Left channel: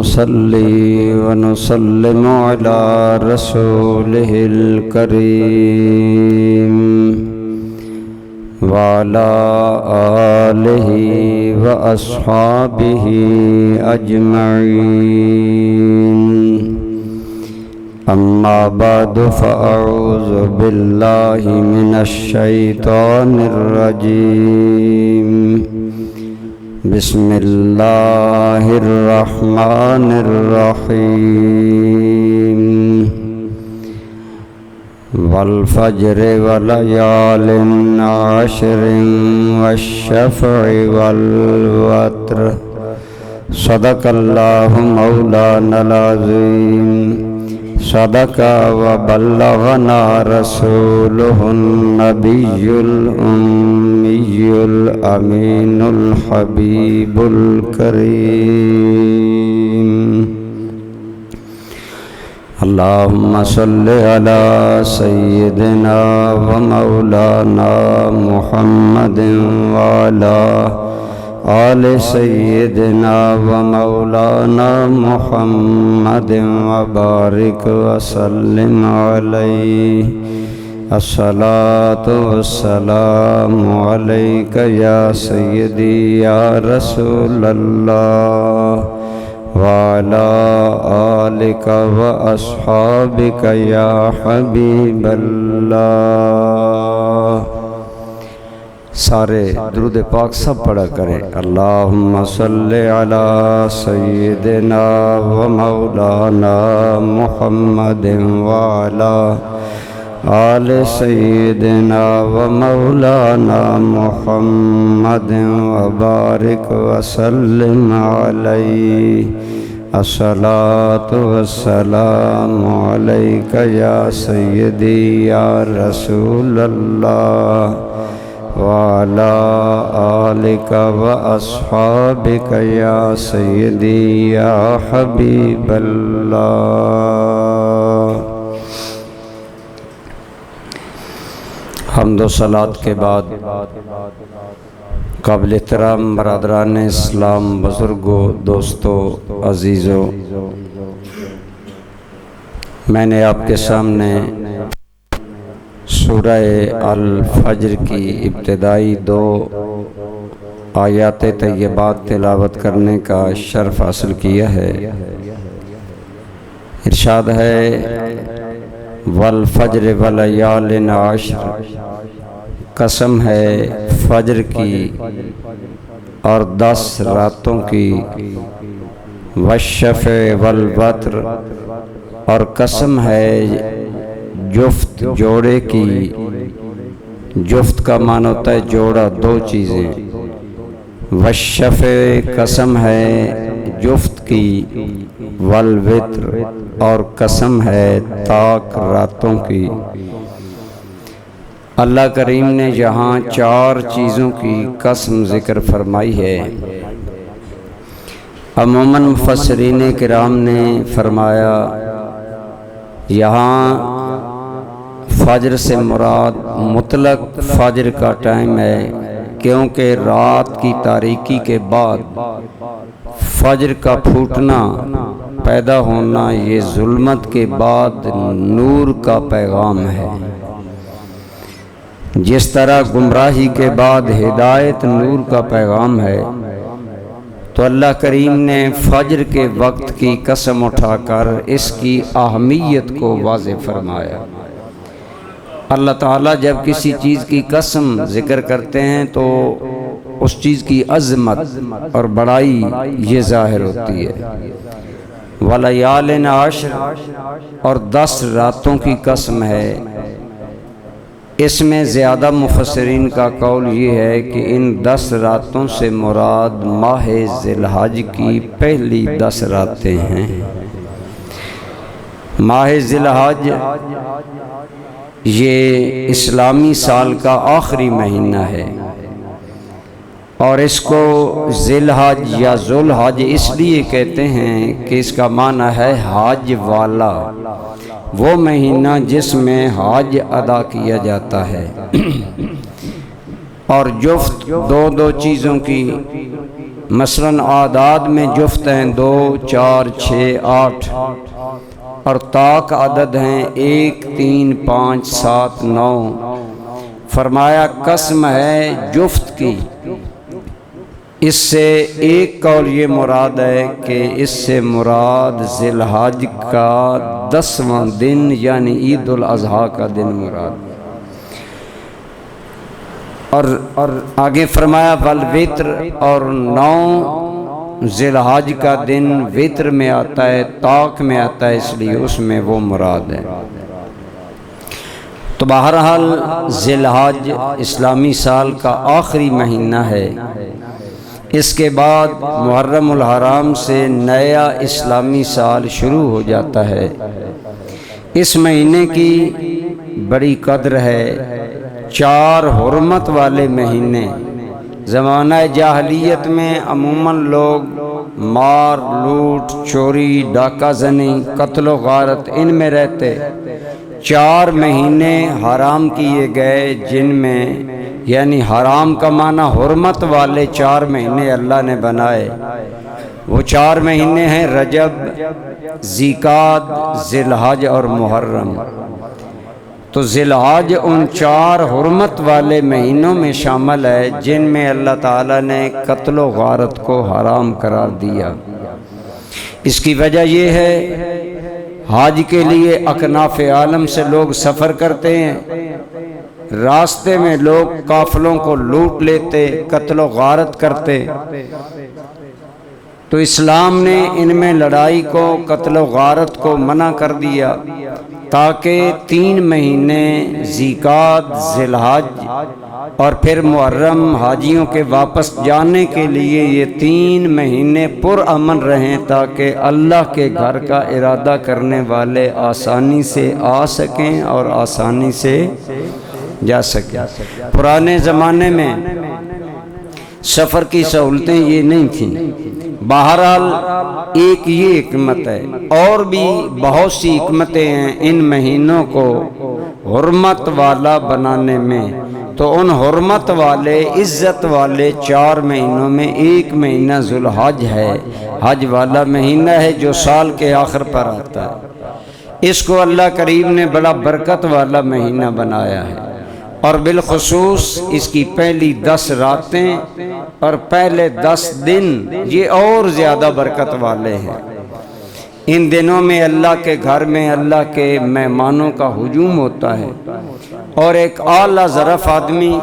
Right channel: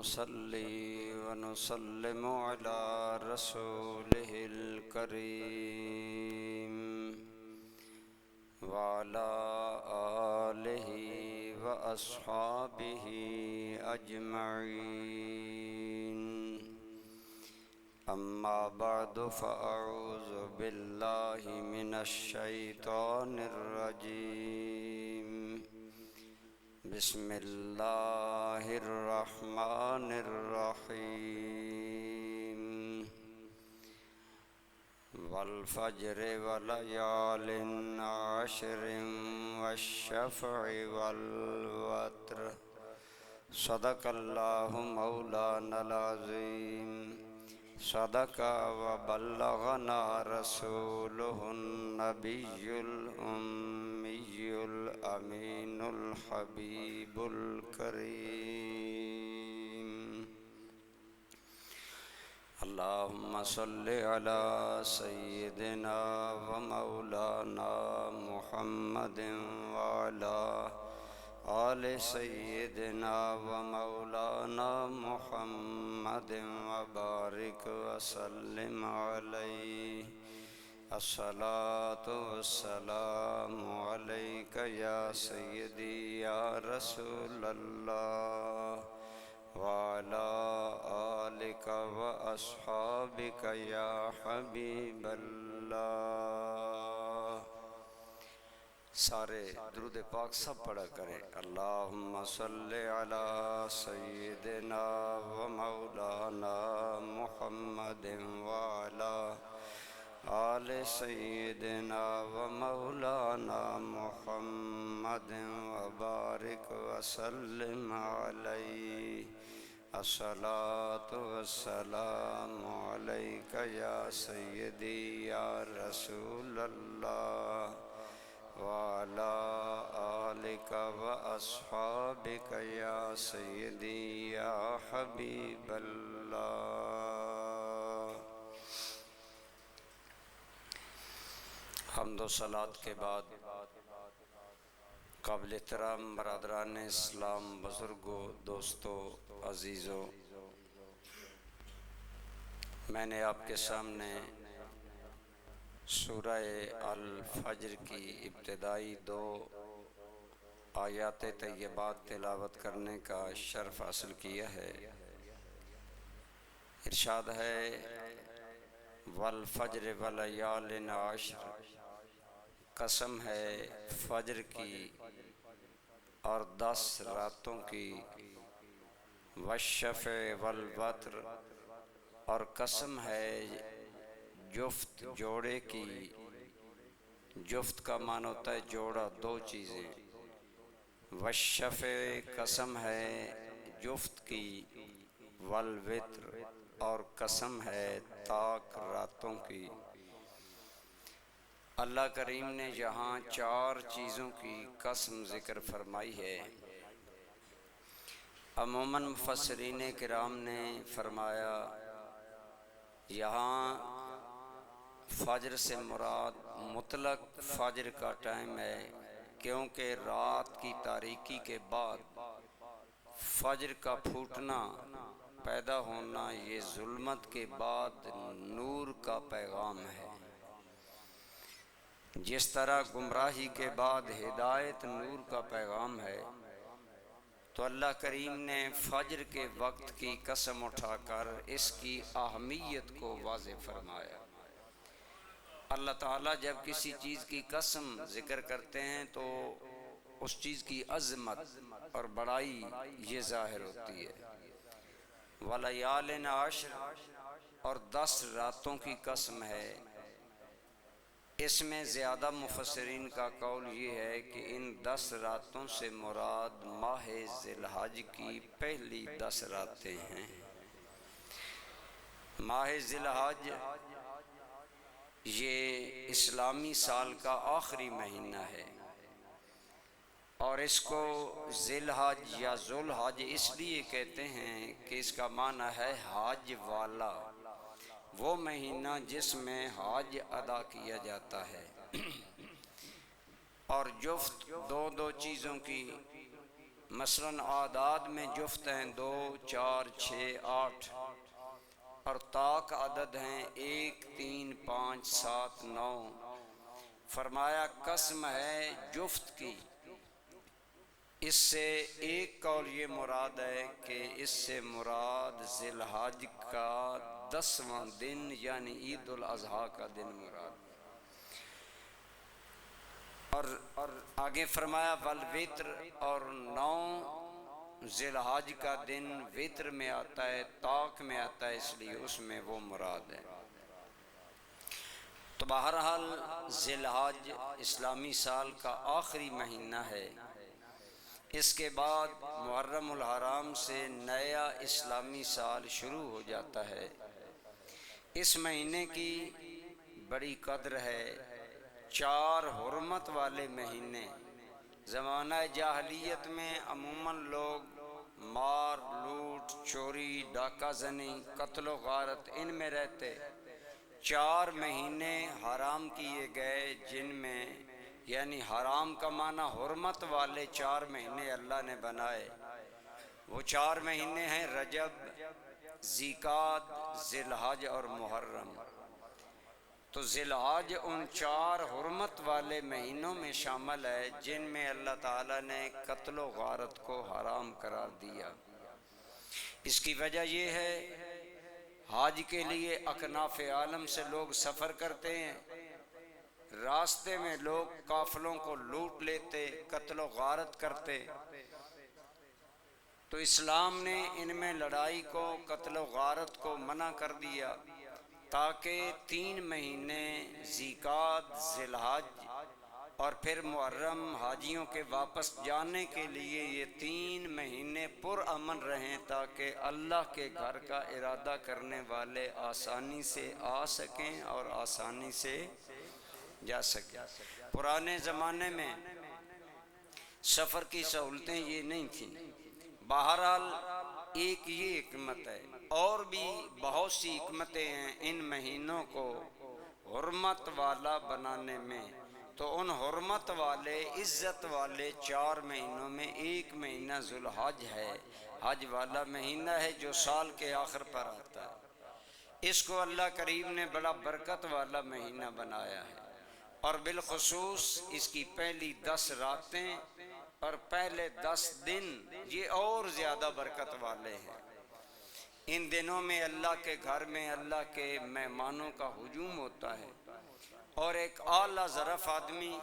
ونصلي ونسلم على رسوله الكريم وعلى آله وأصحابه أجمعين. أما بعد فأعوذ بالله من الشيطان الرجيم. بسم الله الرحمن الرحيم. والفجر وليال عشر والشفع والوتر صدق الله مولانا العظيم. صدق وبلغنا رسوله النبي الأمي الأمين الحبيب الكريم. اللهم صل على سيدنا ومولانا محمد وعلى آل سيدنا ومولانا محمد وبارك وسلم عليه. الصلاة والسلام عليك يا سيدي يا رسول الله وعلى آلك وأصحابك يا حبيب الله. سارے درود پاک سب پڑھا کریں. اللہم صلی علی سیدنا و مولانا محمد وعلا آل سیدنا و مولانا محمد وبارک وسلم علیہ. الصلاة والسلام علیک یا سیدی یا رسول اللہ وعلى آلك وأصحابك يا سيدي يا حبيب الله. حمد و صلات کے بعد قابل احترام برادران اسلام، بزرگوں، دوستوں، عزیزوں، میں نے آپ کے سامنے سورہ الفجر کی ابتدائی 2 آیات طیبات تلاوت کرنے کا شرف حاصل کیا ہے. ارشاد ہے والفجر ولیال عشر، قسم ہے فجر کی اور 10 راتوں کی، والشفع والوتر، اور قسم ہے جفت جوڑے کی. جفت کا معنی ہوتا ہے جوڑا، 2 چیزیں. والشفع قسم ہے جفت کی، والوتر اور قسم ہے طاق راتوں کی. اللہ کریم نے یہاں 4 چیزوں کی قسم ذکر فرمائی ہے. عموماً مفسرین کرام نے فرمایا یہاں فجر سے مراد مطلق فجر کا ٹائم ہے، کیونکہ رات کی تاریکی کے بعد فجر کا پھوٹنا، پیدا ہونا، یہ ظلمت کے بعد نور کا پیغام ہے. جس طرح گمراہی کے بعد ہدایت نور کا پیغام ہے، تو اللہ کریم نے فجر کے وقت کی قسم اٹھا کر اس کی اہمیت کو واضح فرمایا. اللہ تعالیٰ جب کسی چیز کی قسم ذکر کرتے ہیں تو اس چیز کی عظمت اور بڑائی یہ ظاہر ہوتی ہے. ولیال عشر، اور 10 راتوں کی قسم ہے. اس میں زیادہ مفسرین کا قول یہ ہے کہ ان 10 راتوں سے مراد ماہ ذی الحج کی پہلی 10 راتیں ہیں. ماہ ذی الحج یہ اسلامی سال کا آخری مہینہ ہے، اور اس کو ذی الحج یا ذو الحج اس لیے کہتے ہیں کہ اس کا معنی ہے حج والا، وہ مہینہ جس میں حج ادا کیا جاتا ہے۔ اور جفت دو چیزوں کی مثلاً اعداد میں جفت ہیں 2 4 6 8 اور طاق عدد ہیں 1 3 5 7 9۔ فرمایا قسم ہے جفت کی۔ اس سے ایک قول یہ مراد ہے کہ اس سے مراد ذی الحج کا 10واں دن یعنی عید الاضحیٰ کا دن مراد، اور آگے فرمایا والوتر، اور 9 ذی الحج کا دن وتر میں آتا ہے، طاق میں آتا ہے، اس لیے اس میں وہ مراد ہے۔ تو بہرحال ذی الحج اسلامی سال کا آخری مہینہ ہے۔ اس کے بعد محرم الحرام سے نیا اسلامی سال شروع ہو جاتا ہے۔ اس مہینے کی بڑی قدر ہے۔ 4 حرمت والے مہینے، زمانہ جاہلیت میں عموماً لوگ مار لوٹ چوری ڈاکہ زنی قتل و غارت ان میں رہتے۔ 4 مہینے حرام کیے گئے، جن میں یعنی حرام کا معنی حرمت والے 4 مہینے اللہ نے بنائے۔ وہ 4 مہینے ہیں رجب، ذیقعد، ذی الحج اور محرم۔ تو ذی الحج ان 4 حرمت والے مہینوں میں شامل ہے جن میں اللہ تعالیٰ نے قتل و غارت کو حرام قرار دیا۔ اس کی وجہ یہ ہے حج کے لیے اکناف عالم سے لوگ سفر کرتے ہیں، راستے میں لوگ قافلوں کو لوٹ لیتے، قتل و غارت کرتے۔ تو اسلام نے ان میں لڑائی کو، قتل و غارت کو منع کر دیا، تاکہ 3 مہینے ذیقعد، ذی الحج اور پھر محرم حاجیوں کے واپس جانے کے لیے یہ 3 مہینے پرامن رہیں، تاکہ اللہ کے گھر کا ارادہ کرنے والے آسانی سے آ سکیں اور آسانی سے جا سکیں۔ پرانے زمانے میں سفر کی سہولتیں یہ نہیں تھیں۔ بہرحال ایک یہ حکمت ہے، اور بھی بہت سی حکمتیں ہیں ان مہینوں کو حرمت والا بنانے میں۔ تو ان حرمت والے عزت والے 4 مہینوں میں ایک مہینہ ذو الحج ہے، حج والا مہینہ ہے جو سال کے آخر پر آتا ہے۔ اس کو اللہ کریم نے بڑا برکت والا مہینہ بنایا ہے، اور بالخصوص اس کی پہلی 10 راتیں اور پہلے 10 دن یہ اور زیادہ برکت والے ہیں۔ ان دنوں میں اللہ کے گھر میں اللہ کے مہمانوں کا ہجوم ہوتا ہے، اور ایک اعلیٰ ظرف آدمی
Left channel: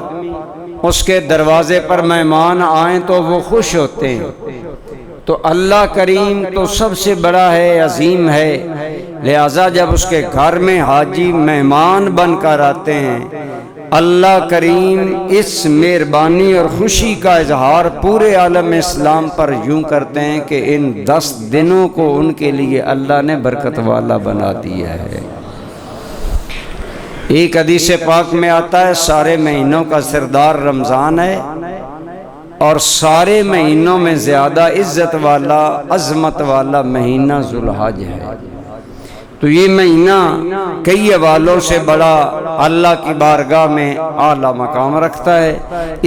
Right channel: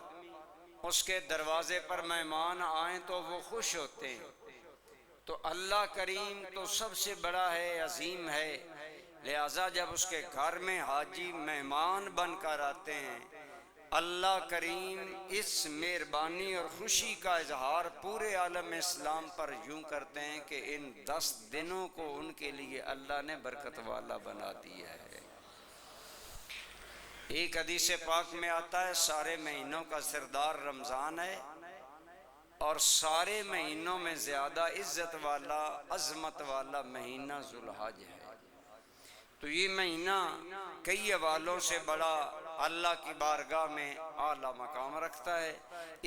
اس کے دروازے پر مہمان آئیں تو وہ خوش ہوتے ہیں۔ تو اللہ کریم تو سب سے بڑا ہے، عظیم ہے، لہذا جب اس کے گھر میں حاجی مہمان بن کر آتے ہیں، اللہ کریم اس مہربانی اور خوشی کا اظہار پورے عالم اسلام پر یوں کرتے ہیں کہ ان 10 دنوں کو ان کے لیے اللہ نے برکت والا بنا دیا ہے۔ ایک حدیث پاک میں آتا ہے سارے مہینوں کا سردار رمضان ہے، اور سارے مہینوں میں زیادہ عزت والا عظمت والا مہینہ ذو الحج ہے۔ تو یہ مہینہ کئی حوالوں سے بڑا اللہ کی بارگاہ میں اعلیٰ مقام رکھتا ہے،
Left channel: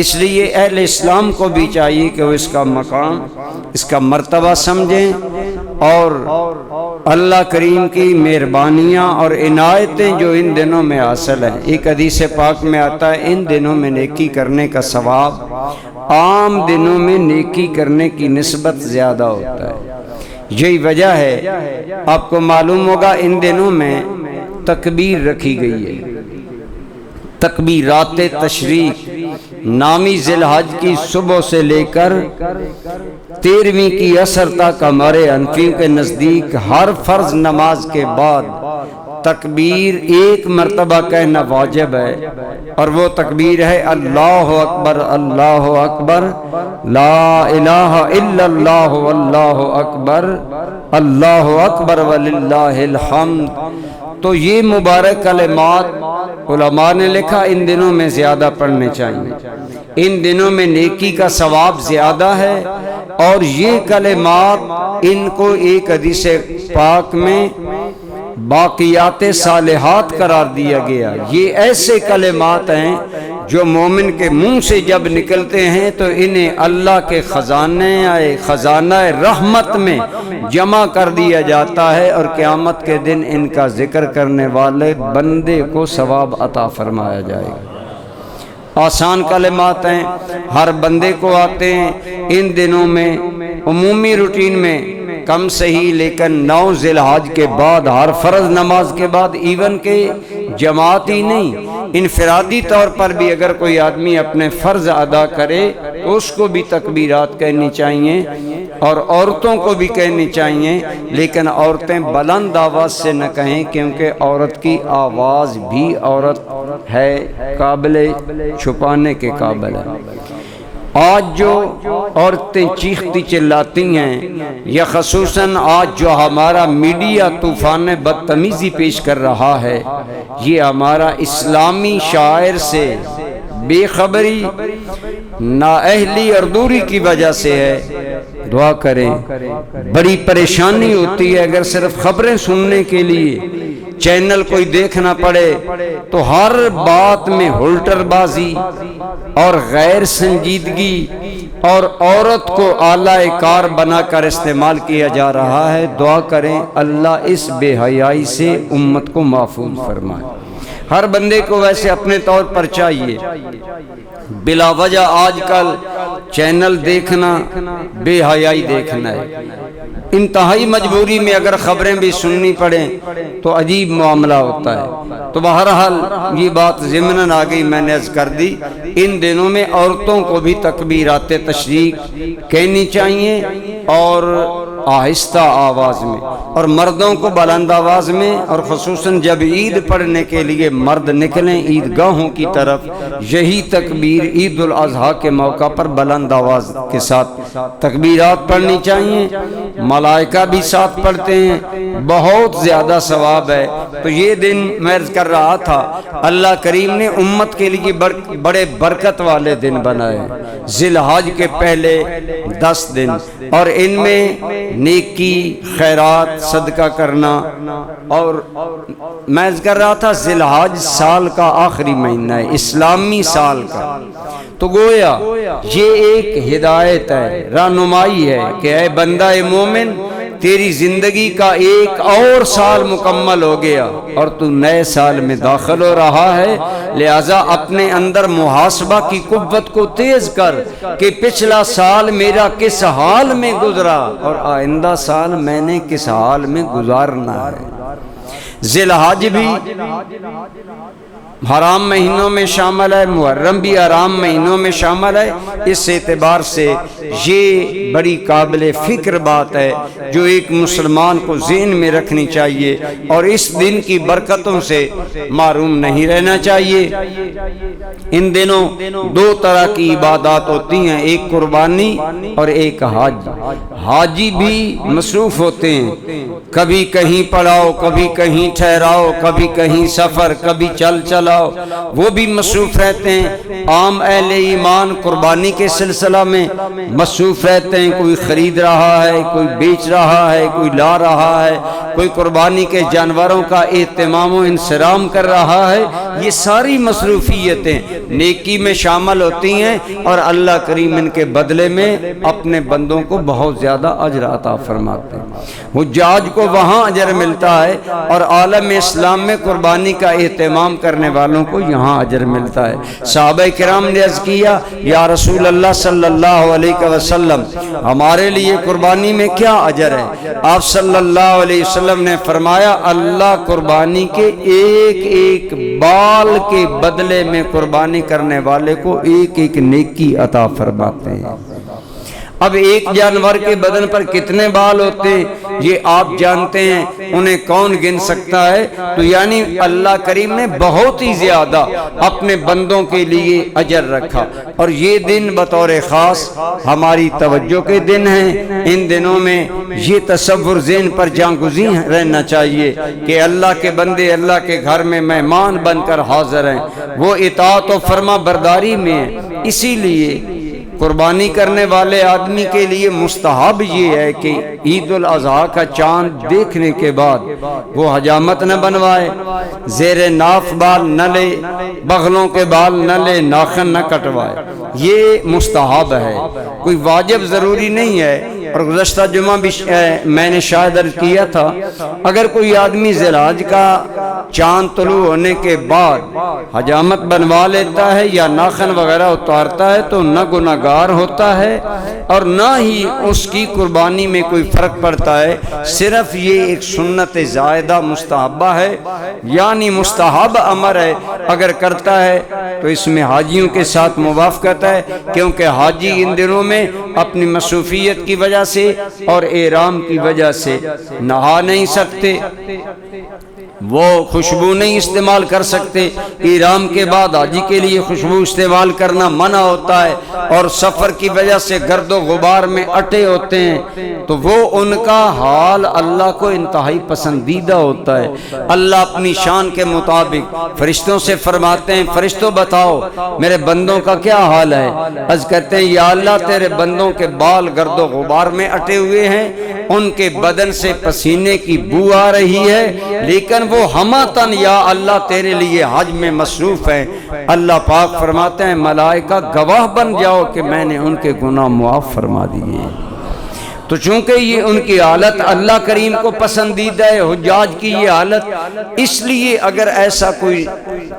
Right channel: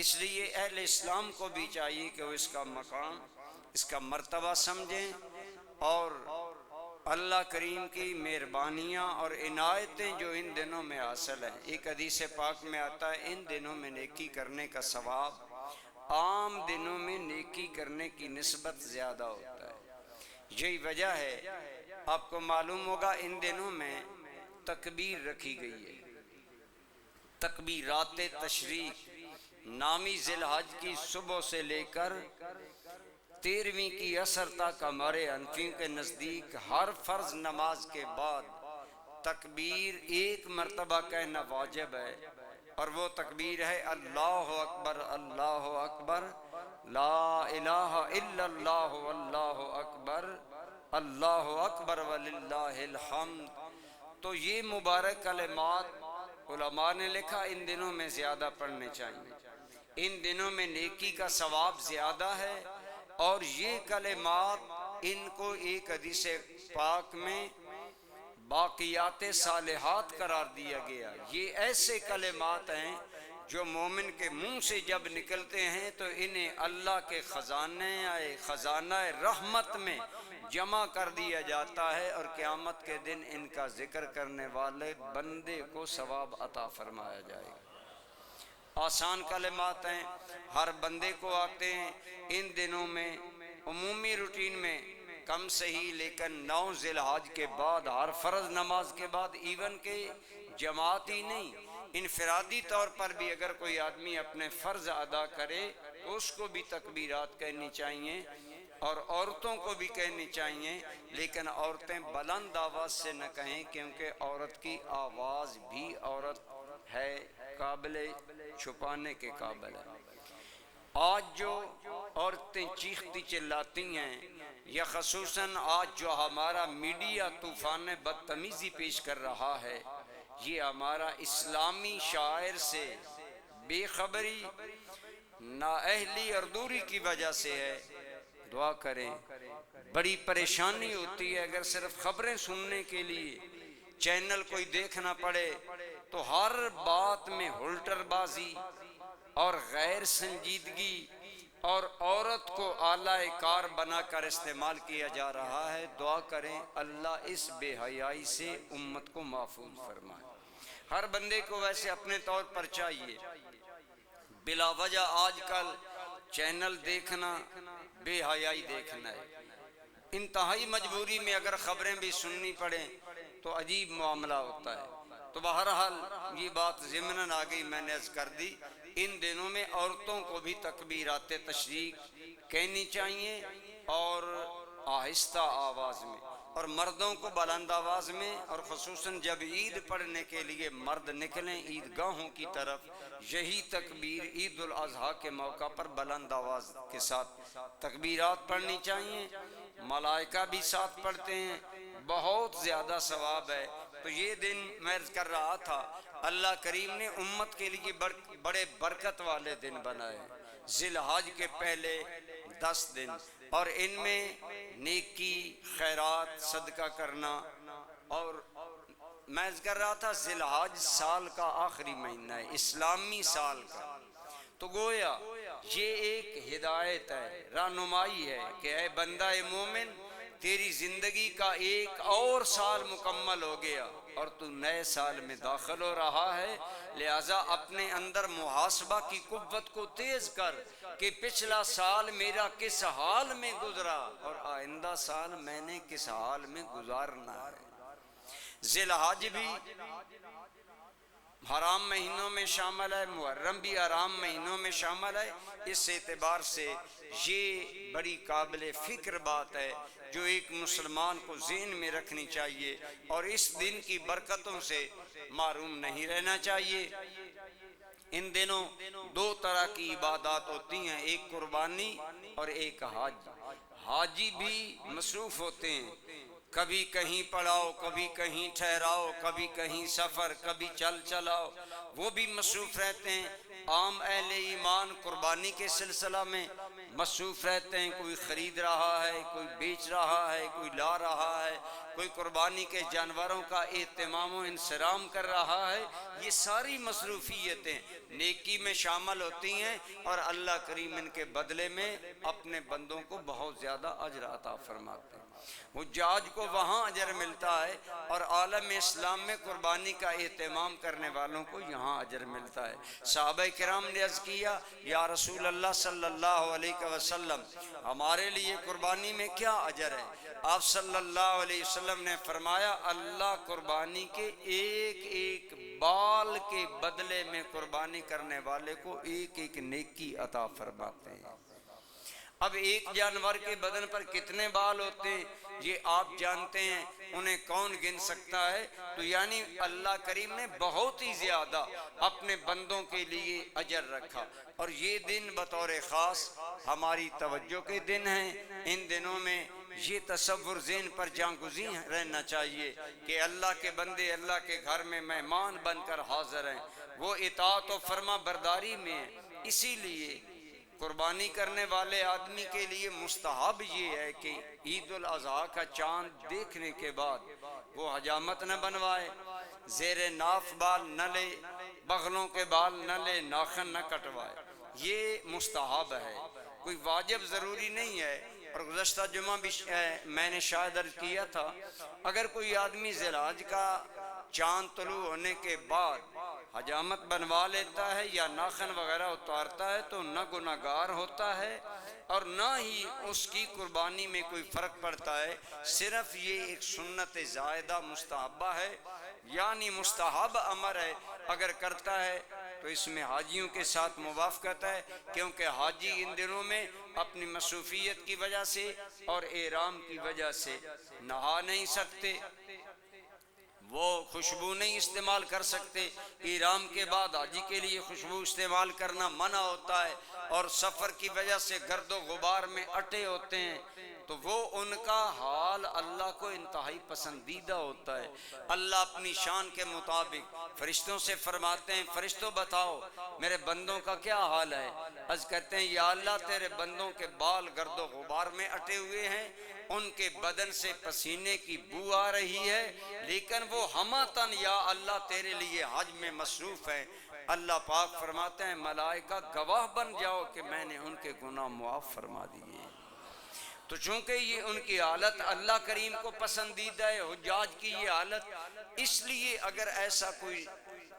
اس لیے اہل اسلام کو بھی چاہیے کہ وہ اس کا مقام، اس کا مرتبہ سمجھیں، اور اللہ کریم کی مہربانیاں اور عنایتیں جو ان دنوں میں حاصل ہیں۔ ایک حدیث پاک میں آتا ہے ان دنوں میں نیکی کرنے کا ثواب عام دنوں میں نیکی کرنے کی نسبت زیادہ ہوتا ہے۔ یہی وجہ ہے، آپ کو معلوم ہوگا ان دنوں میں تکبیر رکھی گئی ہے، تکبیرات تشریق نامی ذی الحج کی صبح سے لے کر 13ویں کی عصر تک ہمارے حنفیوں کے نزدیک ہر فرض نماز کے بعد تکبیر 1 مرتبہ کہنا واجب ہے، اور وہ تکبیر ہے اللہ اکبر اللہ اکبر لا الہ الا اللہ واللہ اکبر اللہ اکبر وللہ الحمد۔ تو یہ مبارک کلمات علماء نے لکھا ان دنوں میں زیادہ پڑھنے چاہیے، ان دنوں میں نیکی کا ثواب زیادہ ہے، اور یہ کلمات ان کو ایک حدیث پاک میں باقیات صالحات قرار دیا گیا۔ یہ ایسے کلمات ہیں جو مومن کے منہ سے جب نکلتے ہیں تو انہیں اللہ کے خزانہ رحمت میں جمع کر دیا جاتا ہے، اور قیامت کے دن ان کا ذکر کرنے والے بندے کو ثواب عطا فرمایا جائے گا۔ آسان کلمات ہیں، ہر بندے کو آتے ہیں۔ ان دنوں میں عمومی روٹین میں کم صحیح، لیکن 9 ذی الحج کے بعد ہر فرض نماز کے بعد، ایون کہ جماعت ہی نہیں، انفرادی طور پر بھی اگر کوئی آدمی اپنے فرض ادا کرے تو اس کو بھی تکبیرات کہنی چاہیے، اور عورتوں کو بھی کہنی چاہیے، لیکن عورتیں بلند آواز سے نہ کہیں، کیونکہ عورت کی آواز بھی عورت ہے، قابل چھپانے کے قابل ہے۔ آج جو عورتیں چیختی چلاتی ہیں، یا خصوصاً آج جو ہمارا میڈیا طوفان بدتمیزی پیش کر رہا ہے، یہ ہمارا اسلامی شاعر سے بے خبری، نااہلی اور دوری کی وجہ سے ہے۔ دعا کریں، بڑی پریشانی ہوتی ہے اگر صرف خبریں سننے کے لیے چینل کوئی دیکھنا پڑے تو ہر بات میں ہلٹر بازی اور غیر سنجیدگی اور عورت کو اعلی کار بنا کر استعمال کیا جا رہا ہے۔ دعا کریں اللہ اس بے حیائی سے امت کو محفوظ فرمائے۔ ہر بندے کو ویسے اپنے طور پر چاہیے، بلا وجہ آج کل چینل دیکھنا بے حیائی دیکھنا ہے۔ انتہائی مجبوری میں اگر خبریں بھی سننی پڑیں تو عجیب معاملہ ہوتا ہے۔ تو بہرحال یہ بات ضمناً آ گئی، میں نے عرض کر دی، ان دنوں میں عورتوں کو بھی تکبیرات تشریق کہنی چاہیے، اور آہستہ آواز میں، اور مردوں کو بلند آواز میں، اور خصوصاً جب عید پڑھنے کے لیے مرد نکلیں عیدگاہوں کی طرف، یہی تکبیر عید الاضحیٰ کے موقع پر بلند آواز کے ساتھ تکبیرات پڑھنی چاہیے۔ ملائکہ بھی ساتھ پڑھتے ہیں، بہت زیادہ ثواب ہے۔ تو یہ دن میں عرض کر رہا تھا، اللہ کریم نے امت کے لیے بڑے برکت والے دن بنائے، ذی الحج کے پہلے 10 دن، اور ان میں نیکی، خیرات، صدقہ کرنا، اور میں عرض کر رہا تھا ذی الحج سال کا آخری مہینہ ہے، اسلامی سال کا، تو گویا یہ ایک ہدایت ہے، رہنمائی ہے کہ اے بندہ مومن، تیری زندگی کا ایک اور سال مکمل ہو گیا اور تو نئے سال میں داخل ہو رہا ہے، لہذا اپنے اندر محاسبہ کی قوت کو تیز کر کہ پچھلا سال میرا کس حال میں گزرا اور آئندہ سال میں نے کس حال میں گزارنا ہے۔ ذی الحج بھی حرام مہینوں میں شامل ہے، محرم بھی حرام مہینوں میں شامل ہے۔ اس اعتبار سے یہ بڑی قابل فکر بات ہے جو ایک مسلمان کو ذہن میں رکھنی چاہیے، اور اس دن کی برکتوں سے محروم نہیں رہنا چاہیے۔ ان دنوں 2 طرح کی عبادات ہوتی ہیں، ایک قربانی اور ایک حج۔ حاجی بھی مصروف ہوتے ہیں، کبھی کہیں پڑاؤ، کبھی کہیں ٹھہراؤ، کبھی کہیں سفر، کبھی چلاؤ، وہ بھی مصروف رہتے ہیں۔ عام اہل ایمان قربانی کے سلسلہ میں مصروف رہتے ہیں، کوئی خرید رہا ہے، کوئی بیچ رہا ہے، کوئی لا رہا ہے، کوئی قربانی کے جانوروں کا اہتمام و انصرام کر رہا ہے۔ یہ ساری مصروفیتیں نیکی میں شامل ہوتی ہیں، اور اللہ کریم ان کے بدلے میں اپنے بندوں کو بہت زیادہ اجر عطا فرماتے ہیں۔ حجاج کو وہاں اجر ملتا ہے، اور عالم اسلام میں قربانی کا اہتمام کرنے والوں کو یہاں اجر ملتا ہے۔ صحابہ کرام نے عرض کیا، یا رسول اللہ صلی اللہ علیہ وسلم، ہمارے لیے قربانی میں کیا اجر ہے؟ آپ صلی اللہ علیہ وسلم نے فرمایا، اللہ قربانی کے ایک ایک بال کے بدلے میں قربانی کرنے والے کو ایک ایک نیکی عطا فرماتے ہیں۔ اب ایک جانور کے بدن پر کتنے بال ہوتے ہیں یہ آپ جانتے ہیں، انہیں کون گن سکتا ہے؟ تو یعنی اللہ کریم نے بہت ہی زیادہ اپنے بندوں کے لیے اجر رکھا، اور یہ دن بطور خاص ہماری توجہ کے دن ہیں۔ ان دنوں میں یہ تصور ذہن پر جاگزین رہنا چاہیے کہ اللہ کے بندے اللہ کے گھر میں مہمان بن کر حاضر ہیں، وہ اطاعت و فرما برداری میں ہیں۔ اسی لیے قربانی کرنے والے آدمی کے لیے مستحب یہ ہے کہ عید الاضحیٰ کا چاند دیکھنے کے بعد وہ حجامت نہ بنوائے، زیر ناف بال نہ لے، بغلوں کے بال نہ لے، ناخن نہ کٹوائے، یہ مستحب ہے، کوئی واجب ضروری نہیں ہے۔ اور گزشتہ جمعہ بھی میں نے شاید عرض کیا تھا، اگر کوئی آدمی ذی الحج کا چاند طلوع ہونے کے بعد حجامت بنوا لیتا ہے یا ناخن وغیرہ اتارتا ہے تو نہ گناہگار ہوتا ہے اور نہ ہی اس کی قربانی میں کوئی فرق پڑتا ہے، صرف یہ ایک سنت زائدہ مستحبہ ہے، یعنی مستحب امر ہے، اگر کرتا ہے تو اس میں حاجیوں کے ساتھ موافقت ہے، کیونکہ حاجی ان دنوں میں اپنی مصروفیت کی وجہ سے اور احرام کی وجہ سے نہا نہیں سکتے، وہ خوشبو نہیں استعمال کر سکتے، احرام کے بعد حاجی کے لیے خوشبو استعمال کرنا منع ہوتا ہے، اور سفر کی وجہ سے گرد و غبار میں اٹے ہوتے ہیں تو وہ ان کا حال اللہ کو انتہائی پسندیدہ ہوتا ہے۔ اللہ اپنی شان کے مطابق فرشتوں سے فرماتے ہیں، فرشتوں بتاؤ میرے بندوں کا کیا حال ہے؟ عرض کرتے ہیں یا اللہ تیرے بندوں کے بال گرد و غبار میں اٹے ہوئے ہیں، ان کے بدن سے پسینے کی بو آ رہی ہے، لیکن وہ ہماتن یا اللہ تیرے لیے حج میں مصروف ہے۔ اللہ پاک فرماتے ہیں ملائکہ گواہ بن جاؤ کہ میں نے ان کے گناہ معاف فرما دیے۔ تو چونکہ یہ ان کی حالت اللہ کریم کو پسندیدہ ہے، حجاج کی یہ حالت، اس لیے اگر ایسا کوئی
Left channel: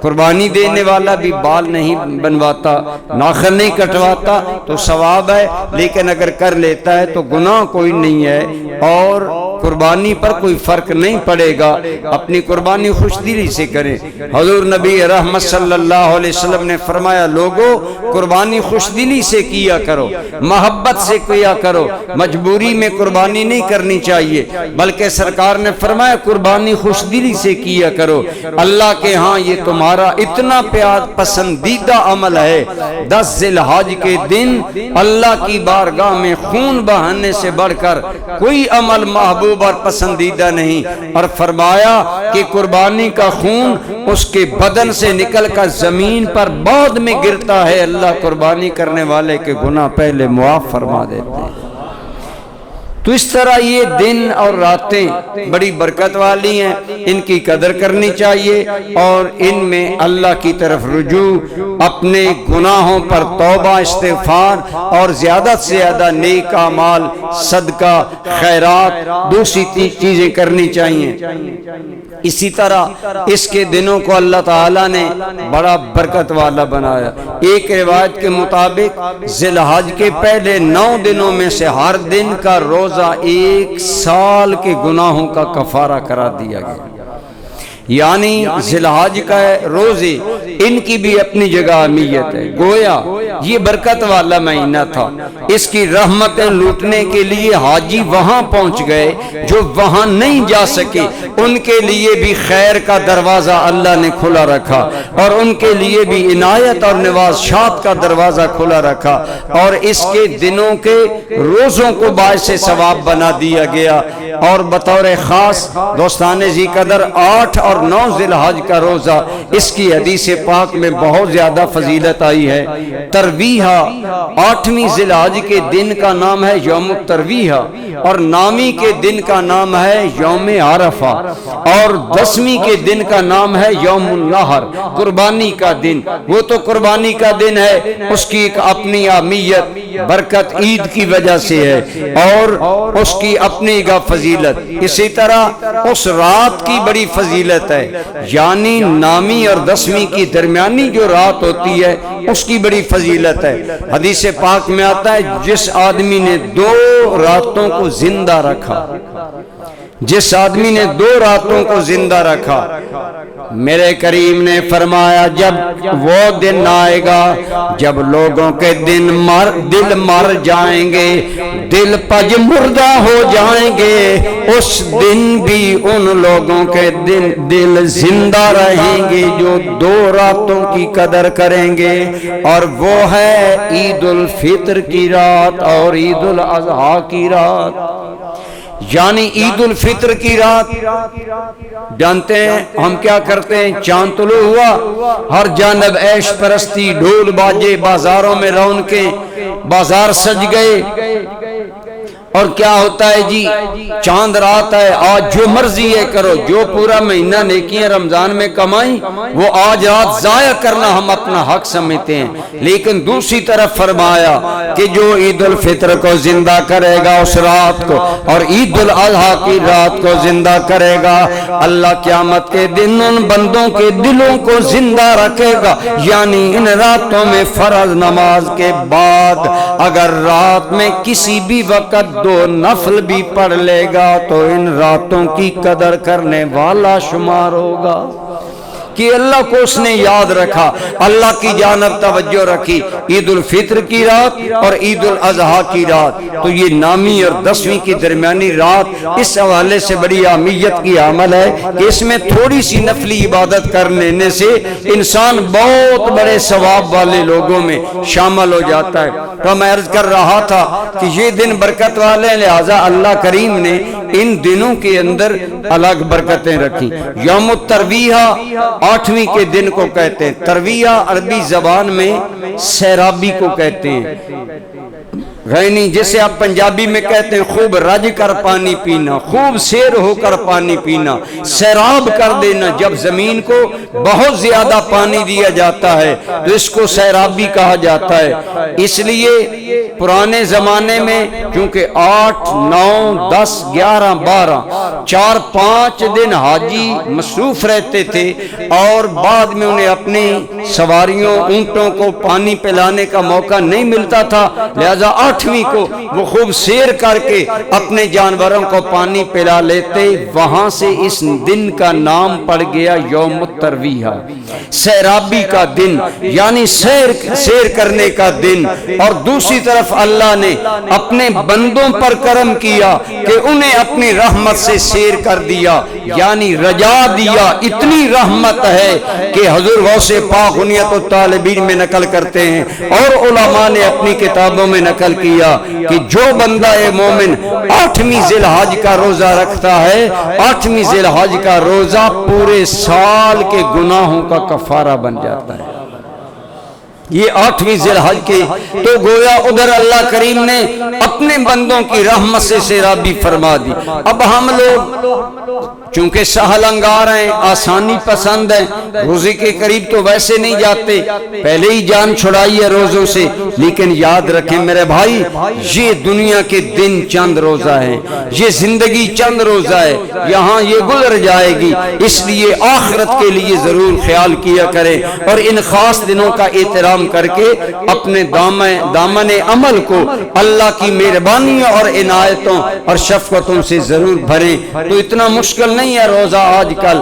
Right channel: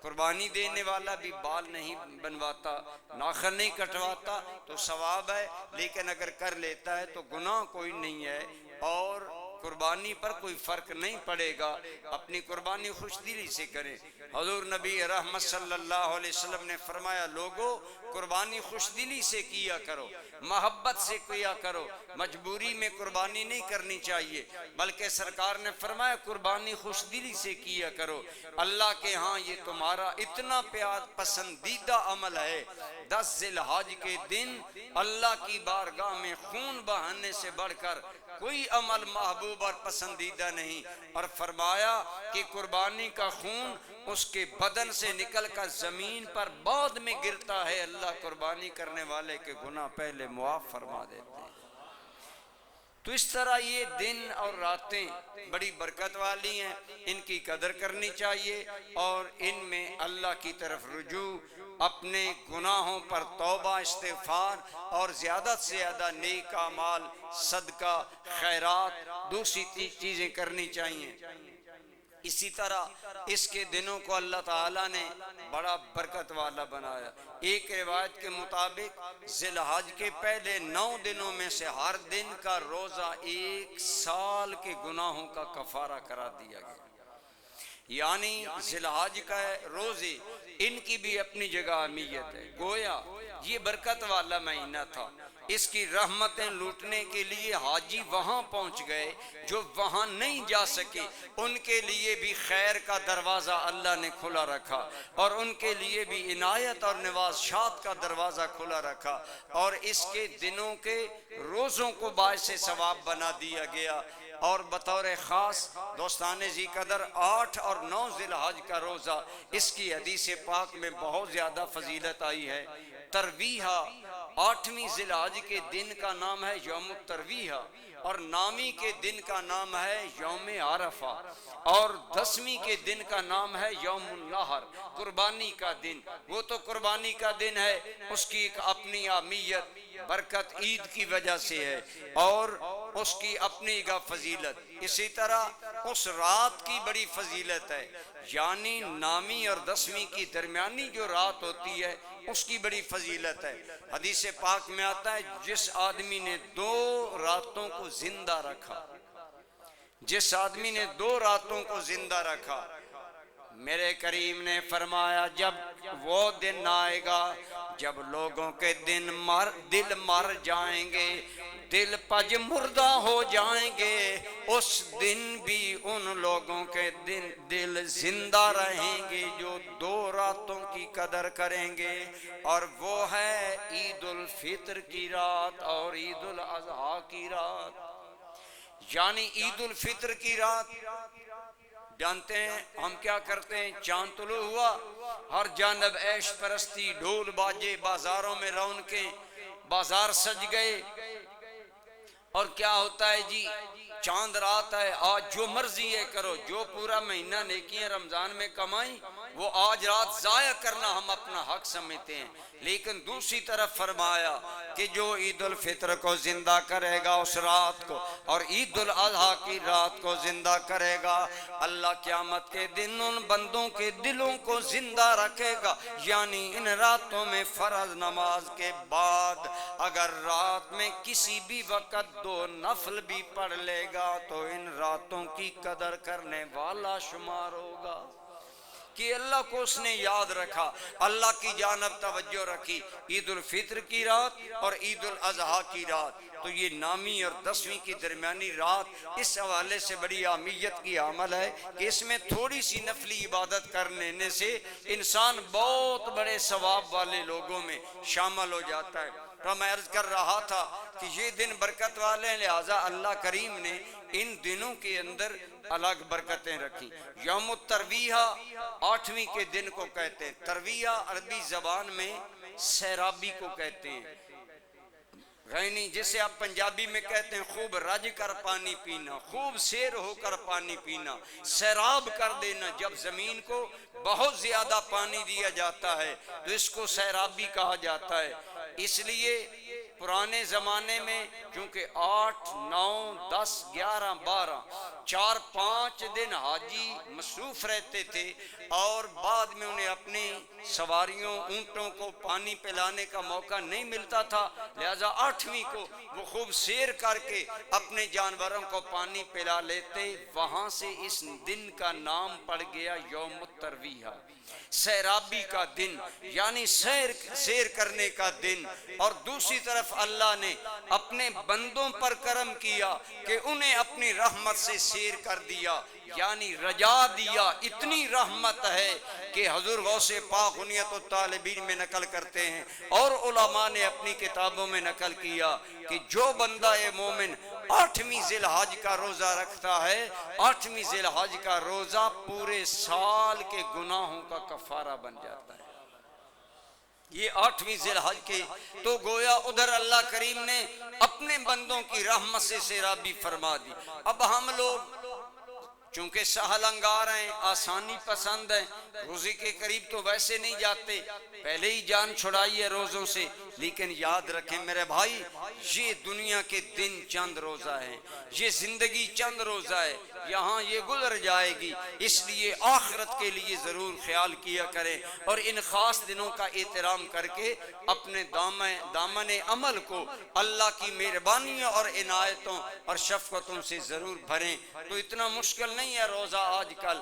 قربانی دینے والا بھی بال نہیں بنواتا، ناخن نہیں کٹواتا تو ثواب ہے، لیکن اگر کر لیتا ہے تو گناہ کوئی نہیں ہے اور قربانی پر کوئی فرق نہیں پڑے گا۔ اپنی قربانی خوش دلی سے کریں۔ حضور نبی رحمت صلی اللہ علیہ وسلم نے فرمایا لوگو قربانی خوش دلی سے کیا کرو، محبت سے کیا کرو، مجبوری میں قربانی نہیں کرنی چاہیے، بلکہ سرکار نے فرمایا قربانی خوش دلی سے کیا کرو، اللہ کے ہاں یہ تمہارا اتنا پیار پسندیدہ عمل ہے۔ 10 ذی الحج کے دن اللہ کی بارگاہ میں خون بہانے سے بڑھ کر کوئی عمل محبوب اور پسندیدہ نہیں، اور فرمایا کہ قربانی کا خون اس کے بدن سے نکل کر زمین پر بعد میں گرتا ہے، اللہ قربانی کرنے والے کے گناہ پہلے معاف فرما دیتے ہیں۔ تو اس طرح یہ دن اور راتیں بڑی برکت والی ہیں، ان کی قدر کرنی چاہیے اور ان میں اللہ کی طرف رجوع، اپنے گناہوں پر توبہ استغفار اور زیادہ سے زیادہ نیک اعمال، صدقہ، خیرات، دوسری چیزیں کرنی چاہیے۔ اسی طرح اس کے دنوں کو اللہ تعالیٰ نے بڑا برکت والا بنایا۔ ایک روایت کے مطابق ذی الحج کے پہلے 9 دنوں میں سے ہر دن کا روزہ 1 سال کے گناہوں کا کفارہ قرار دیا گیا، یعنی ذی الحج کا روزے ان کی بھی اپنی جگہ اہمیت ہے۔ گویا یہ برکت والا مہینہ تھا، اس کی رحمتیں لوٹنے کے لیے حاجی وہاں پہنچ گئے جو وہاں نہیں جا سکے، ان کے لیے بھی خیر کا دروازہ اللہ نے کھلا رکھا اور ان کے لیے بھی عنایت اور نوازشات کا دروازہ کھلا رکھا، اور اس کے دنوں کے روزوں کو باعث ثواب بنا دیا گیا۔ اور بطور خاص دوستان ذی قدر 8 اور 9 ذی الحج کا روزہ، اس کی حدیث پاک میں بہت زیادہ فضیلت آئی ہے۔ ترویحہ 8ویں ذی الحج کے دن کا نام ہے یوم الترویحہ، اور 9ویں کے دن کا نام ہے یوم عرفہ، اور 10ویں کے دن کا نام ہے یوم النحر، قربانی کا دن۔ وہ تو قربانی کا دن ہے، اس کی ایک اپنی اہمیت برکت عید کی وجہ سے ہے اور اس کی اپنی ایک فضیلت۔ اسی طرح اس رات کی بڑی فضیلت ہے، یعنی 9ویں اور 10ویں کی درمیانی جو رات ہوتی ہے اس کی بڑی فضیلت ہے۔ حدیث پاک میں آتا ہے جس آدمی نے 2 راتوں کو زندہ رکھا، جس آدمی نے 2 راتوں کو زندہ رکھا، میرے کریم نے فرمایا جب وہ دن آئے گا جب لوگوں کے دل مر جائیں گے، دل پج مردہ ہو جائیں گے، اس دن بھی ان لوگوں کے دل زندہ رہیں گے جو 2 راتوں کی قدر کریں گے، اور وہ ہے عید الفطر کی رات اور عید الاضحیٰ کی رات۔ یعنی عید الفطر کی رات جانتے ہیں ہم کیا کرتے ہیں، چاند طلوع ہوا، ہر جانب عیش پرستی، ڈھول باجے، بازاروں میں رونقیں، بازار سج گئے، اور کیا ہوتا ہے جی چاند رات ہے، آج جو مرضی ہے کرو، جو پورا مہینہ نیکیاں رمضان میں کمائیں وہ آج رات ضائع کرنا ہم اپنا حق سمجھتے ہیں۔ لیکن دوسری طرف فرمایا کہ جو عید الفطر کو زندہ کرے گا اس رات کو، اور عید الاضحیٰ کی رات کو زندہ کرے گا، اللہ قیامت کے دن ان بندوں کے دلوں کو زندہ رکھے گا۔ یعنی ان راتوں میں فرض نماز کے بعد اگر رات میں کسی بھی وقت 2 نفل بھی پڑھ لے گا تو ان راتوں کی قدر کرنے والا شمار ہوگا کہ اللہ کو اس نے یاد رکھا، اللہ کی جانب توجہ رکھی۔ عید الفطر کی رات اور عید الاضحیٰ کی رات، تو یہ نامی اور 10ویں کی درمیانی رات اس حوالے سے بڑی اہمیت کی عمل ہے کہ اس میں تھوڑی سی نفلی عبادت کر لینے سے انسان بہت بڑے ثواب والے لوگوں میں شامل ہو جاتا ہے۔ تو میں عرض کر رہا تھا کہ یہ دن برکت والے، لہٰذا اللہ کریم نے ان دنوں کے اندر الگ برکتیں رکھی۔ یوم الترویہ 8ویں کے دن کو کہتے ہیں، ترویہ عربی زبان میں سیرابی کو کہتے ہیں، غینی جسے آپ پنجابی میں کہتے ہیں خوب رج کر پانی پینا، خوب سیر ہو کر پانی پینا، سیراب کر دینا۔ جب زمین کو بہت زیادہ پانی دیا جاتا ہے تو اس کو سیرابی کہا جاتا ہے۔ اس لیے پرانے زمانے میں کیونکہ 8، 9، 10، 11، 12 4-5 دن حاجی مصروف رہتے تھے اور بعد میں انہیں اپنی سواریوں اونٹوں کو پانی پلانے کا موقع نہیں ملتا تھا، لہذا 8ویں کو وہ خوب سیر کر کے اپنے جانوروں کو پانی پلا لیتے۔ وہاں سے اس دن کا نام پڑ گیا یوم الترویہ، سیرابی کا دن، یعنی سیر کرنے کا دن۔ اور دوسری طرف اللہ نے اپنے بندوں پر کرم کیا کہ انہیں اپنی رحمت سے سیر کر دیا، یعنی رجا دیا۔ اتنی رحمت ہے کہ حضور غوث پاک غنیت الطالبین میں نقل کرتے ہیں اور علماء نے اپنی کتابوں میں نقل کیا کہ جو بندہ مومن 8ویں ذی الحج کا روزہ رکھتا ہے، 8ویں ذی الحج کا روزہ پورے سال کے گناہوں کا کفارہ بن جاتا ہے۔ یہ 8ویں ذی الحج کی تو گویا ادھر اللہ کریم نے اپنے بندوں کی رحمت سے سیرابی فرما دی۔ اب ہم لوگ چونکہ سہل انگار ہیں، آسانی پسند ہیں، روزے کے قریب تو ویسے نہیں جاتے، پہلے ہی جان چھڑائی ہے روزوں سے۔ لیکن یاد رکھیں میرے بھائی، یہ دنیا کے دن چند روزہ ہیں، یہ زندگی چند روزہ ہے، یہاں یہ گزر جائے گی، اس لیے آخرت کے لیے ضرور خیال کیا کریں اور ان خاص دنوں کا احترام کر کے اپنے دامن عمل کو اللہ کی مہربانیوں اور عنایتوں اور شفقتوں سے ضرور بھریں۔ تو اتنا مشکل نہیں ہے روزہ آج کل،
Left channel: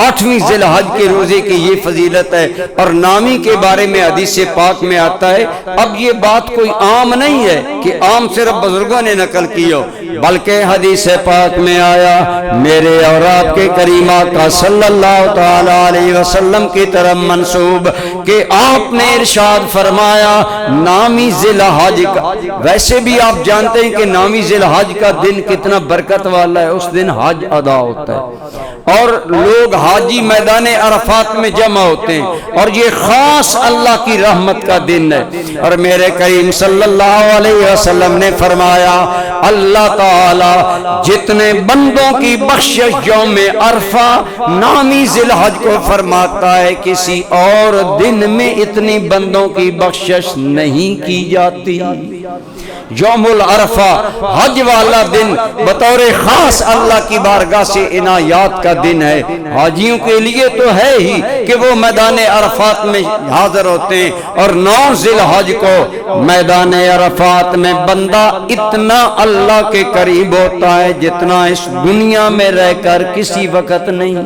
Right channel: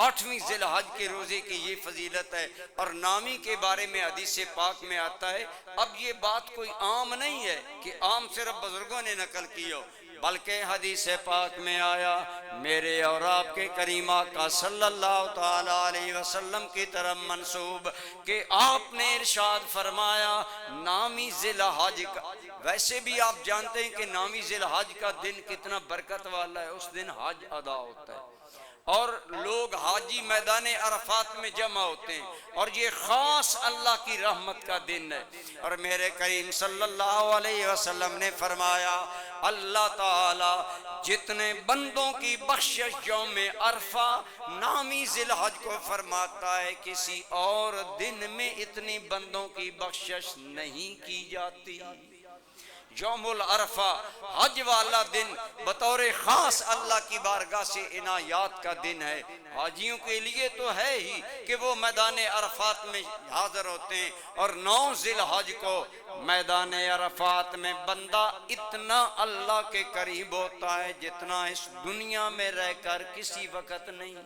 8ویں ذی الحج کے روزے کی یہ فضیلت ہے۔ اور نامی کے بارے میں حدیث پاک میں آتا ہے، اب یہ بات کوئی عام نہیں ہے کہ عام صرف بزرگوں نے نقل کی ہو، بلکہ حدیث پاک میں آیا میرے اور آپ کے کریم آقا صلی اللہ تعالی علیہ وسلم کی طرف منسوب کہ آپ نے ارشاد فرمایا نامی ذی الحج کا، ویسے بھی آپ جانتے ہیں کہ نامی ذی الحج کا دن کتنا برکت والا ہے، اس دن حج ادا ہوتا ہے اور لوگ حاجی میدان عرفات میں جمع ہوتے ہیں اور یہ خاص اللہ کی رحمت کا دن ہے۔ اور میرے کریم صلی اللہ علیہ وسلم نے فرمایا اللہ تعالی جتنے بندوں کی بخشش یوم عرفہ نامی ذی الحج کو فرماتا ہے، کسی اور دن میں اتنی بندوں کی بخشش نہیں کی جاتی۔ یوم العرفہ حج والا دن بطور خاص اللہ کی بارگاہ سے عنایات کا دن ہے۔ حاجیوں کے لیے تو ہے ہی کہ وہ میدان عرفات میں حاضر ہوتے ہیں، اور 9 ذی الحج کو میدان عرفات میں بندہ اتنا اللہ کے قریب ہوتا ہے جتنا اس دنیا میں رہ کر کسی وقت نہیں۔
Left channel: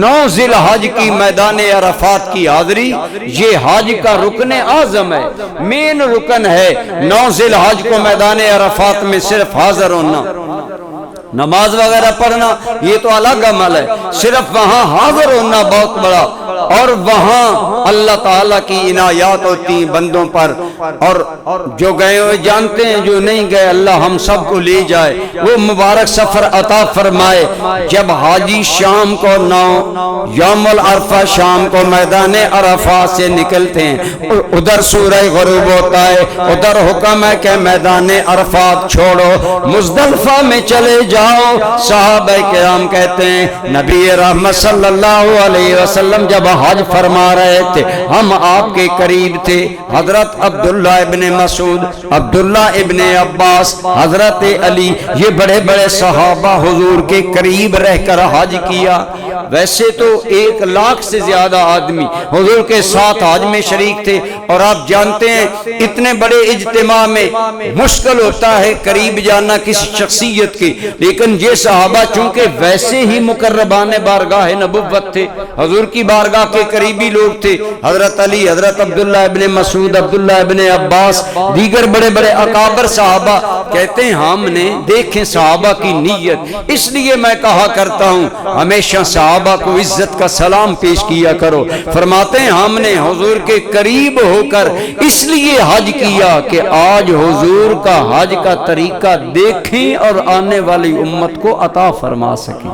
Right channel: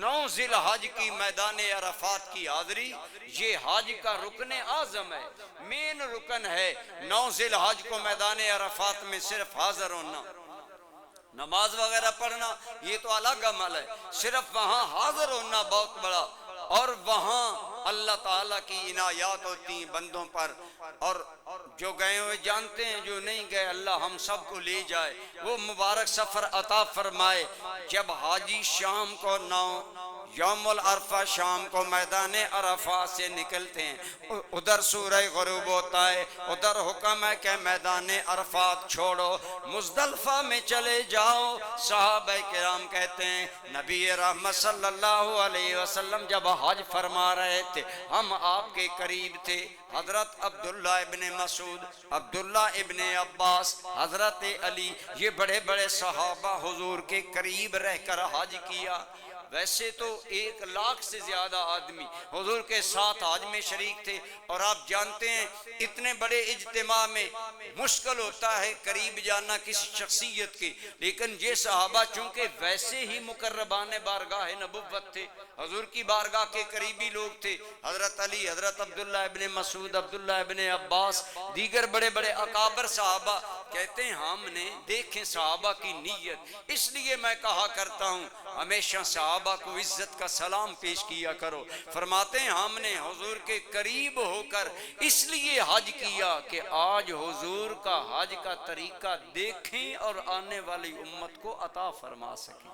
9 ذی الحج کی میدان عرفات کی حاضری یہ حج کا رکن اعظم ہے، مین رکن ہے۔ 9 ذی الحج کو میدان عرفات میں صرف حاضر ہونا، نماز وغیرہ پڑھنا یہ تو الگ عمل ہے، صرف وہاں حاضر ہونا بہت بڑا اور وہاں اللہ تعالیٰ کی عنایات ہوتی ہیں بندوں پر، اور جو گئے ہوئے جانتے ہیں، جو نہیں گئے اللہ ہم سب کو لے جائے، وہ مبارک سفر عطا فرمائے۔ جب حاجی شام کو یوم العرفہ شام کو میدان عرفات سے نکلتے ہیں، ادھر سورہ غروب ہوتا ہے، ادھر حکم ہے کہ میدان عرفات چھوڑو، مزدلفہ میں چلے جاؤ۔ صحابہ کرام کہتے ہیں نبی رحمت صلی اللہ علیہ وسلم جب حج فرما رہے تھے، ہم آپ کے قریب تھے، حضرت عبداللہ ابن مسعود، عبداللہ ابن عباس، حضرت علی، یہ بڑے بڑے صحابہ حضور کے قریب رہ کر حج کیا۔ ویسے تو 1,00,000 سے زیادہ آدمی حضور کے ساتھ حج میں شریک تھے، اور آپ جانتے ہیں اتنے بڑے اجتماع میں مشکل ہوتا ہے قریب جانا کسی شخصیت کی، لیکن یہ صحابہ چونکہ ویسے ہی مقربان بارگاہ نبوت تھے، حضور کی بارگاہ کے قریبی لوگ تھے، حضرت علی، حضرت عبداللہ ابن مسعود، عبداللہ ابن عباس، دیگر بڑے بڑے اکابر صحابہ کہتے ہیں ہم نے دیکھیں صحابہ کی نیت، اس لیے میں کہا کرتا ہوں ہمیشہ صحابہ کو عزت کا سلام پیش کیا کرو۔ فرماتے ہیں ہم نے حضور کے قریب ہو کر اس لیے حج کیا کہ آج حضور کا حج کا طریقہ دیکھیں اور آنے والی امت کو عطا فرما سکیں۔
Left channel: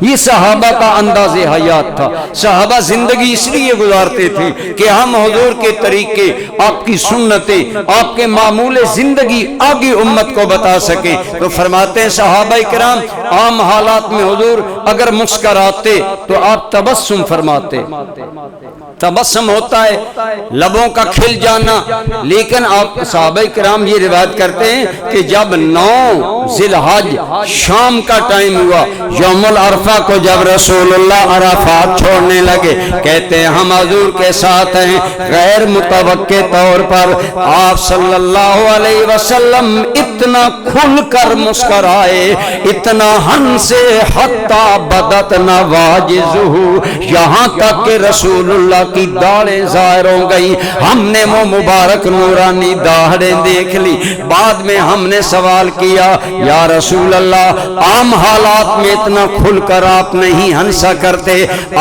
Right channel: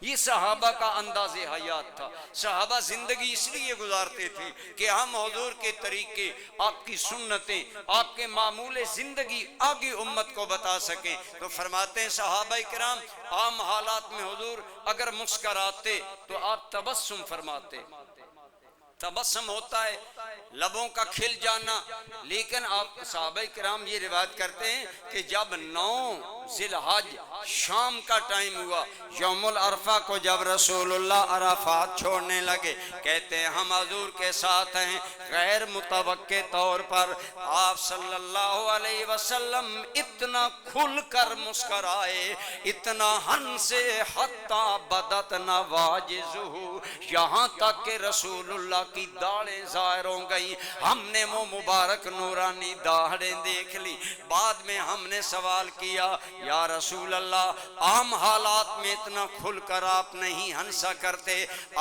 یہ صحابہ کا انداز حیات تھا۔ صحابہ زندگی اس لیے گزارتے تھے کہ ہم حضور کے طریقے، آپ کی سنتیں، آپ کے معمول زندگی آگے امت کو بتا سکیں۔ تو فرماتے ہیں صحابہ کرام عام حالات میں حضور اگر مسکراتے تو آپ تبسم فرماتے، تبسم ہوتا ہے لبوں کا کھل جانا، لیکن آپ صحابہ کرام یہ روایت کرتے ہیں کہ جب 9 ذی الحج شام کا ٹائم ہوا، یوم العرفہ کو جب رسول اللہ عرفات چھوڑنے لگے، کہتے ہیں ہم حضور کے ساتھ ہیں، غیر متوقع طور پر آپ صلی اللہ علیہ وسلم اتنا کھل کر مسکرائے، اتنا ہنسے حتی بدت نواجزہ، یہاں تک کہ رسول اللہ کی داڑھیں ظاہر ہو گئی۔ ہم نے وہ مبارک نورانی داڑھیں دیکھ لی، بعد میں ہم نے سوال کیا یا رسول اللہ عام حالات میں اتنا کھل کر آپ نہیں ہنسا کرتے،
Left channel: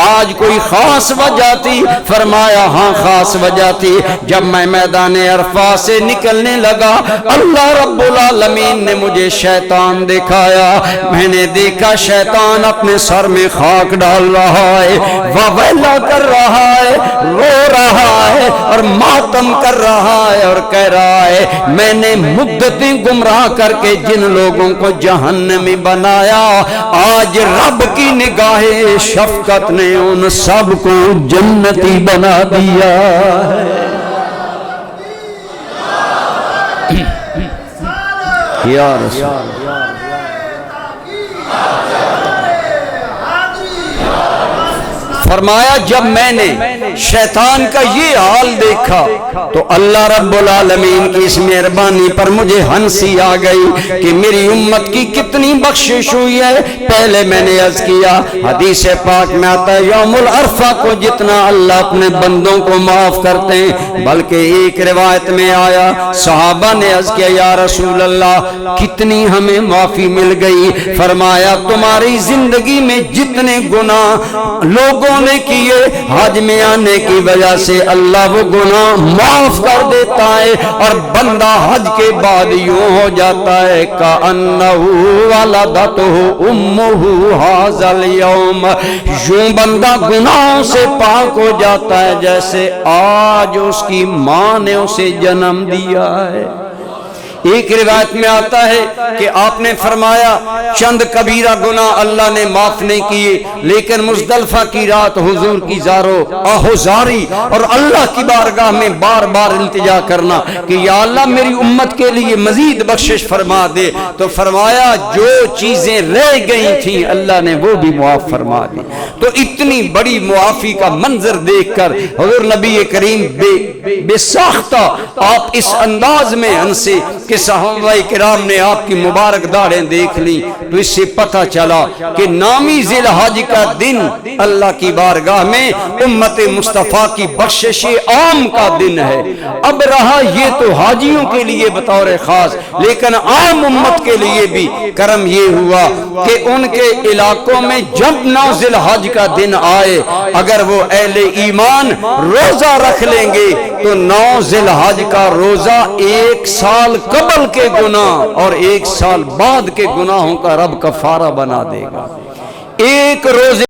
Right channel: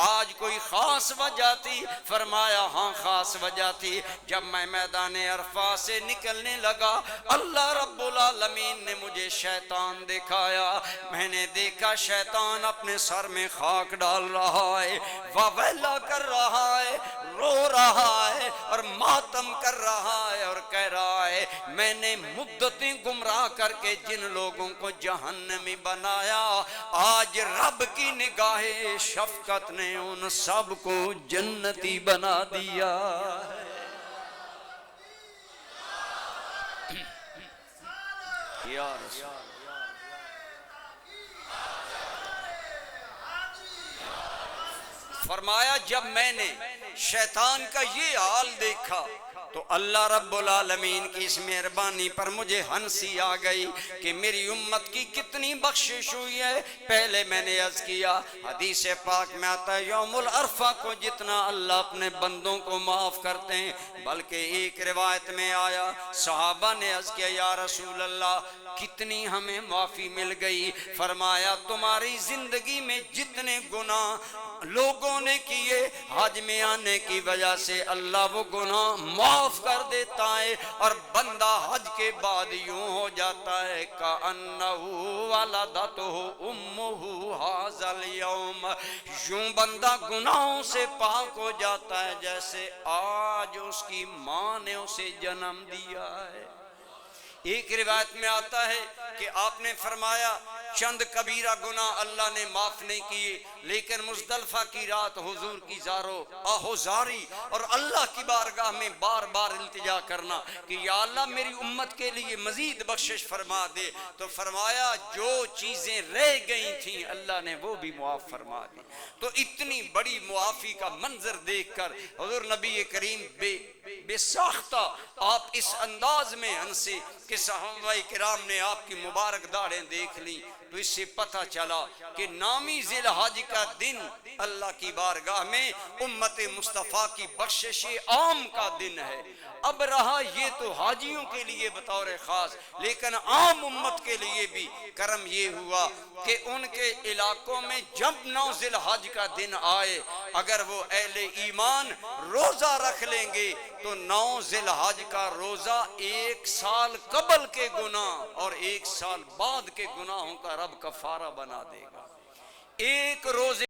آج کوئی خاص وجہ تھی؟ فرمایا ہاں خاص وجہ تھی، جب میں میدان عرفات سے نکلنے لگا اللہ رب العالمین نے مجھے شیطان دکھایا، میں نے دیکھا شیطان اپنے سر میں خاک ڈال رہا ہے، وویلا کر رہا ہے، رو رہا ہے اور ماتم کر رہا ہے اور کہہ رہا ہے میں نے مدتیں گمراہ کر کے جن لوگوں کو جہنمی بنایا، آج رب کی نگاہ شفقت نے ان سب کو جنتی بنا دیا ہے۔ یا رسول فرمایا جب میں نے شیطان کا یہ حال دیکھا تو اللہ رب العالمین کی اس مہربانی پر مجھے ہنسی آ گئی کہ میری امت کی کتنی بخشش ہوئی ہے۔ پہلے میں نے عرض کیا حدیث پاک میں آتا ہے یوم العرفہ کو جتنا اللہ اپنے بندوں کو معاف کرتے ہیں، بلکہ ایک روایت میں آیا صحابہ نے عرض کیا یا رسول اللہ کتنی ہمیں معافی مل گئی؟ فرمایا تمہاری زندگی میں جتنے گناہ لوگوں نے کیے حج میں آنے کی وجہ سے اللہ وہ گناہ معاف کر دیتا ہے، اور بندہ حج کے بعد یوں ہو جاتا ہے کأنہ ولدتہ امہ ھذا اليوم، یوں بندہ گناہوں سے پاک ہو جاتا ہے جیسے آج اس کی ماں نے اسے جنم دیا ہے۔ ایک روایت میں آتا ہے کہ آپ نے فرمایا چند کبیرہ گناہ اللہ نے معاف نہیں کیے، لیکن مزدلفہ کی رات حضور کی زارو آہوزاری اور اللہ کی بارگاہ میں بار بار التجا کرنا کہ یا اللہ میری امت کے لیے مزید بخشش فرما دے، تو فرمایا جو چیزیں رہ گئی تھیں اللہ نے وہ بھی معاف فرما دی۔ تو اتنی بڑی معافی کا منظر دیکھ کر حضور نبی کریم بے ساختہ آپ اس انداز میں ہنسے کہ صحابہ کرام نے آپ کی مبارک داڑھیں دیکھ لی، تو اس سے پتہ چلا کہ نامی ذی الحج کا دن اللہ کی بارگاہ میں امت مصطفیٰ کی بخشش عام کا دن ہے۔ اب رہا یہ تو حاجیوں کے لیے بطور خاص، لیکن عام امت کے لیے بھی کرم یہ ہوا کہ ان کے علاقوں میں جب 9 ذی الحج کا دن آئے، اگر وہ اہل ایمان روزہ رکھ لیں گے تو 9 ذی الحج کا روزہ 1 سال قبل کے گناہ اور 1 سال بعد کے گناہوں کا رب کفارہ بنا دے گا۔ ایک روزے